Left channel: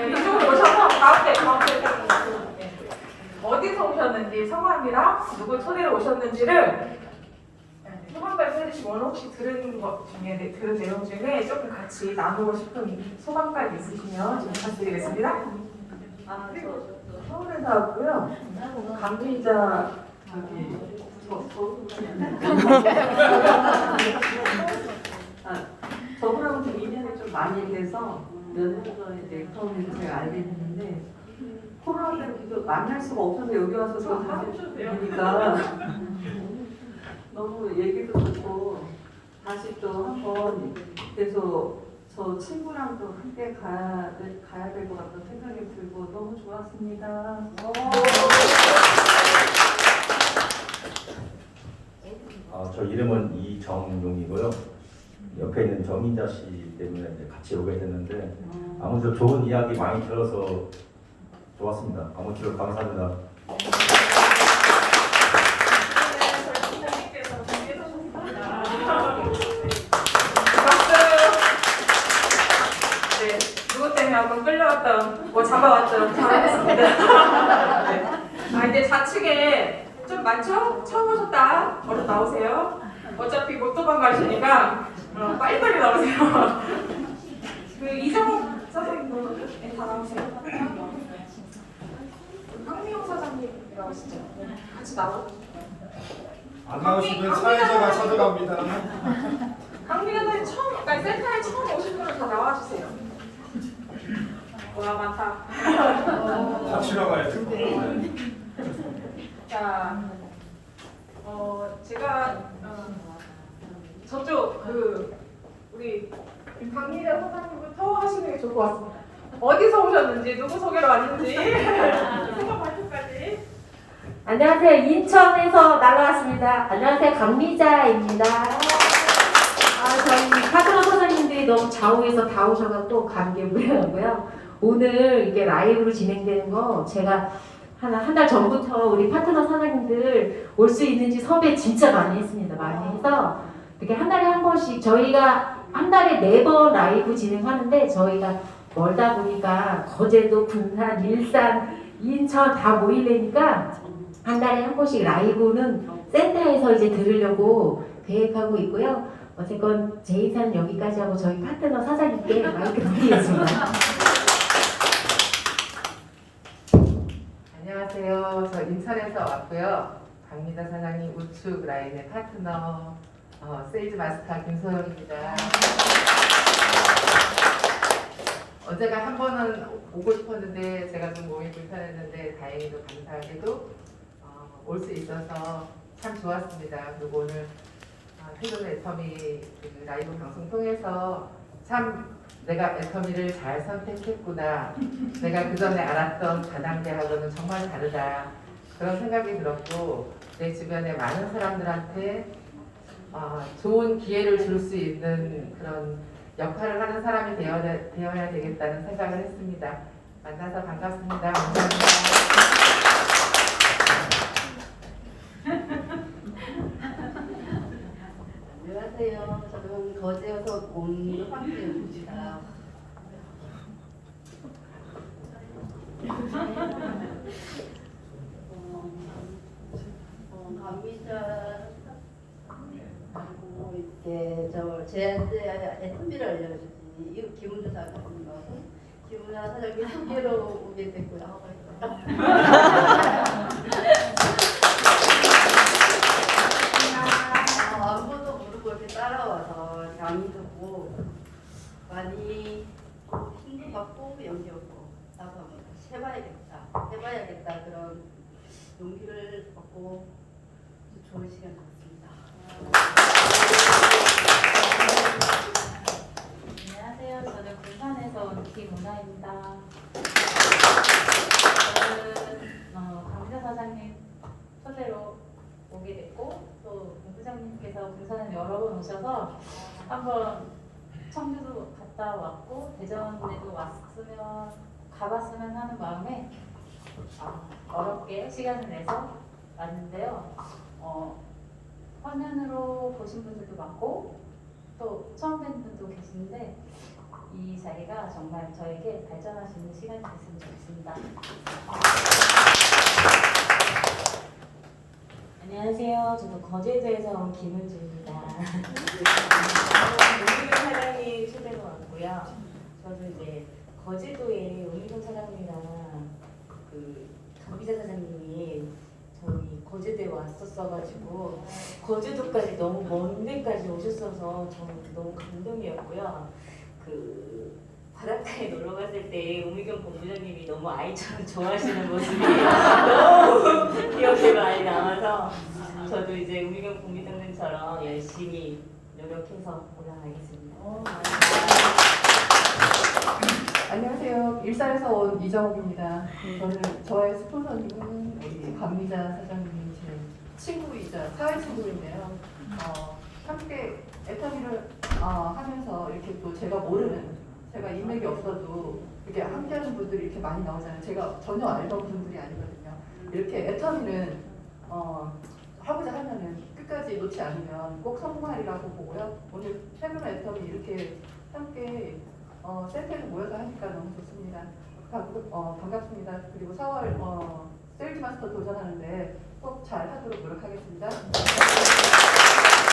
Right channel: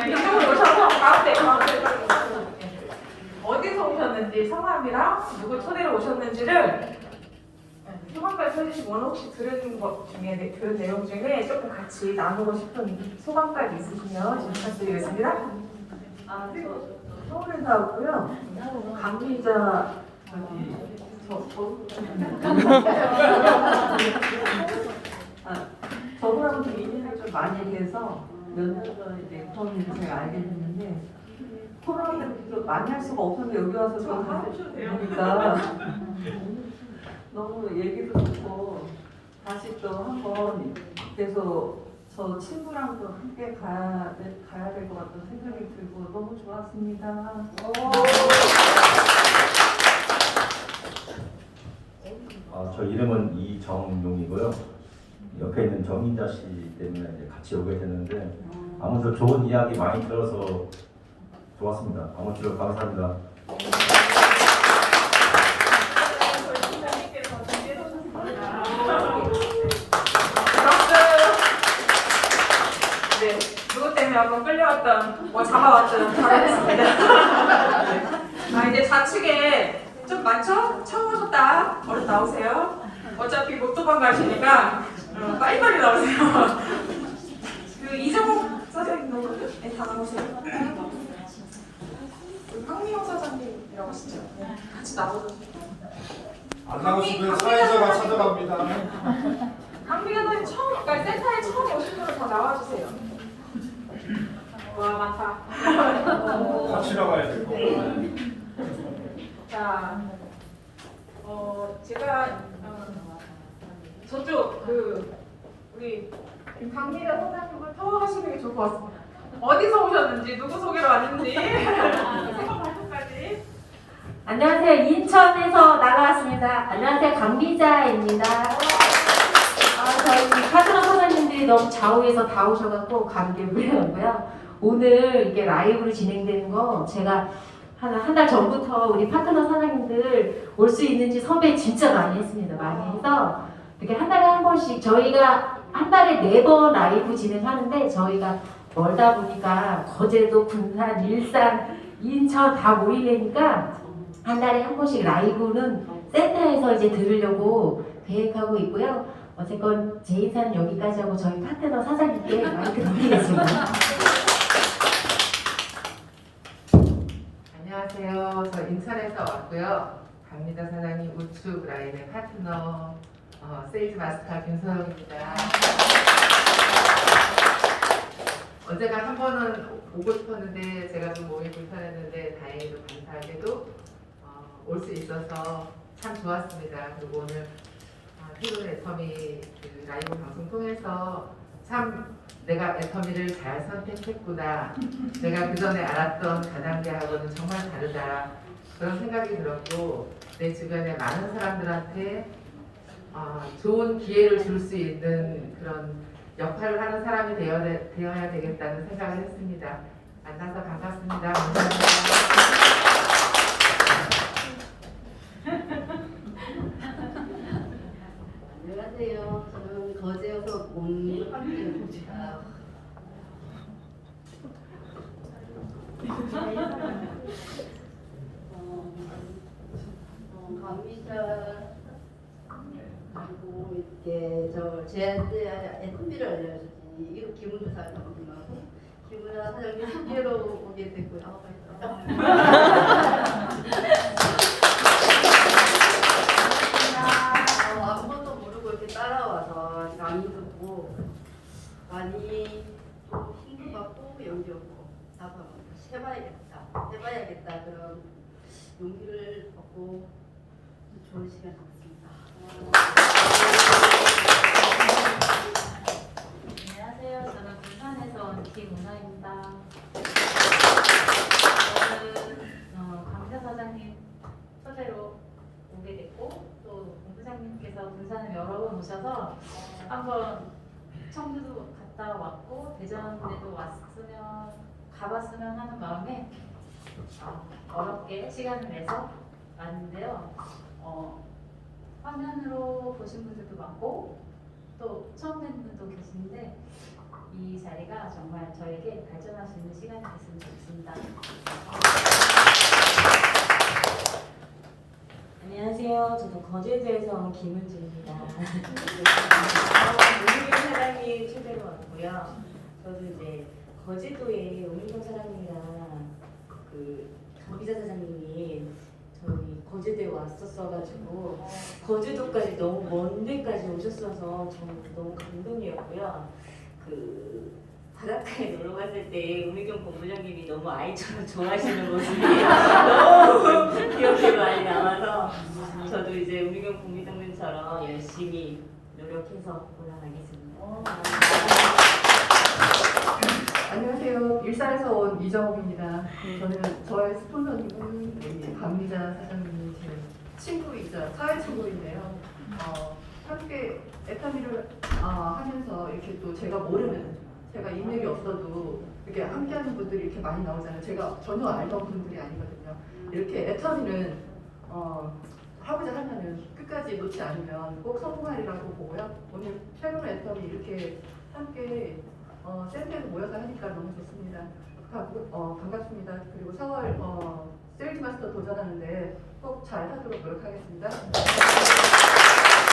네, 이쪽으로 오셔서 가운데 가운데 네. 어디서 오셨는지 성함이랑 누구 초대로 오셨는지를 네, 소감까지 써주시고 오늘 혹시 들은 것 중에 네, 들은 내용 중에 조금 같이 나누고 싶은 소감까지 있으시면 좀 부탁드리겠습니다. 아, 저, 서울에서 왔고요. 강의자 저분하고 좀 인연이 좀 많이 돼서 몇 년 전에 이제 처음 제가 알게 됐는데 코로나 때문에 계속 만날 수가 없어서 여기 와서 저 하셔도 되니까 너무 얘기도 좋고 다시 또 한번 계속 저 친구랑도 함께 가야, 될- 가야 될 것 같다는 생각이 들고 너무 좋았습니다. 아, 저 이름은 이정용이고요. 옆에 있는 정인자 씨 때문에 이제 같이 오게 됐는데 아무튼 좋은 이야기 많이 들어서 좋았습니다. 아무쪼록 감사합니다. 네, 누구 때문에 한번 끌려왔던, 뭐 잡아왔던 잘하겠습니다. 네. 아, 이제 좌측에 좀 많죠? 처음 오셨다. 얼른 나오세요. 어차피 못 도망가시니까 어, 빨리빨리 나오세요. 그 이정욱 사장님도 네, 다 나오세요. 황미영 사장님이라고 하시죠? 네, 같이 나와주세요. 안 나오시면 사회자가 찾아갑니다. 강민아 선생 처음, 그러니까 센터에 처음 오신 분은 다 나와주세요. 와 많다. 같이 나가야 될 거. 자, 어 제가 어, 저쪽 그 우리 강민아 선생님부터 하시는 게 좋을 것 같습니다. 어디서 오셨는지 누구 소개로 왔는지 소감 발표까지. 안녕하세요. 인천에서 날아왔습니다. 안녕하세요. 강미자입니다. 아, 저희 파트너 선생님들이 너무 좌우에서 다 오셔갖고 감개 무량하고요. 오늘 이게 라이브로 진행되는 거 제가 한 한 달 전부터 우리 파트너 사장님들 올 수 있는지 섭외 진짜 많이 했습니다. 많이 해서 번씩 저희가 한 달에 네 번 라이브 진행하는데 저희가 멀다 보니까 거제도, 군산, 일산, 인천 다 모이려니까 한 달에 한 번씩 라이브는 센터에서 이제 들으려고 계획하고 있고요. 어쨌건 제 인사는 여기까지 하고 저희 파트너 사장님께 마이크 드리겠습니다. 안녕하세요. 저 인천에서 왔고요. 박미자 사장님 우측 라인의 파트너 어, 세일즈 마스터 김소영입니다. 어제가 한 번은 오고 싶었는데 제가 좀 몸이 불편했는데 다행히도 감사하게도 어, 올수 있어서 참 좋았습니다. 그리고 오늘 어, 퇴근 애터미 그 라이브 방송 통해서 참 내가 애터미를 잘 선택했구나. 내가 그 전에 알았던 다단계하고는 정말 다르다. 그런 생각이 들었고 내 주변에 많은 사람들한테 어, 좋은 기회를 줄 수 있는 그런 역할을 하는 사람이 되어야, 되어야 되겠다는 생각을 했습니다. 만나서 반갑습니다. 감사합니다. 안녕하세요. 저는 거제에서 온 황기입니다. 어, 어, 감미자 그리고 이렇게 저 제한테 애터미를 알려주지 이거 김은주 사장님하고 김은아 사장님 소개로 오게 됐고요. 아, 어, 아무것도 모르고 이렇게 따라와서 남이 듣고 많이 좀 힘도 받고 용기 얻고 나도 한번 다시 해봐야겠다 해봐야겠다 그런 용기를 얻고 좋은 시간 갖습니다. 안녕하세요. 저는 부산에서 온 김은아입니다. 저는 어, 강자 사장님 초대로 오게 됐고 또 본부장님께서 부산에 여러 번 오셔서 한번 청주도 갔다 왔고 대전에도 왔으면 가봤으면 하는 마음에 어, 어렵게 시간을 내서 왔는데요. 어, 화면으로 보신 분들도 많고 또 처음 뵌 분도 계신데 이 자리가 정말 저에게 있는 시간이 됐으면 좋겠습니다. 안녕하세요. 거제도에서 온 김은주입니다. 오미경 사장님 초대로 왔고요. 저도 이제 거제도에 오미경 사장님이랑 그 강비자 사장님이 저희 거제도에 왔었어가지고 거제도까지 너무 먼 데까지 오셨어서 정말 너무 감동이었고요. 그 바닷가에 놀러 갔을 때 오미경 본부장님이 너무 아이처럼 좋아하시는 모습이 너무 기억에 많이 남아서 저도 이제 우미경 공비동님처럼 열심히 노력해서 올라가겠습니다. 안녕하세요. 일산에서 온 이정욱입니다. 저는 저의 스폰서님은 우리 감미자 사장님이 제 친구이자 사회 친구인데요. 어, 함께 애터미를 어, 하면서 이렇게 또 제가 모르는 제가 인맥이 없어도 이렇게 함께하는 분들이 이렇게 많이 나오잖아요. 제가 전혀 알던 분들이 아니거든요. 이렇게 애터미는 어, 하고자 하면은 끝까지 놓지 않으면 꼭 성공하리라고 보고요. 오늘 새로운 애터미 이렇게 함께 어, 센터에서 모여서 하니까 너무 좋습니다. 가, 어, 반갑습니다. 그리고 4월 어, 세일즈 마스터 도전하는데 꼭 잘 하도록 노력하겠습니다.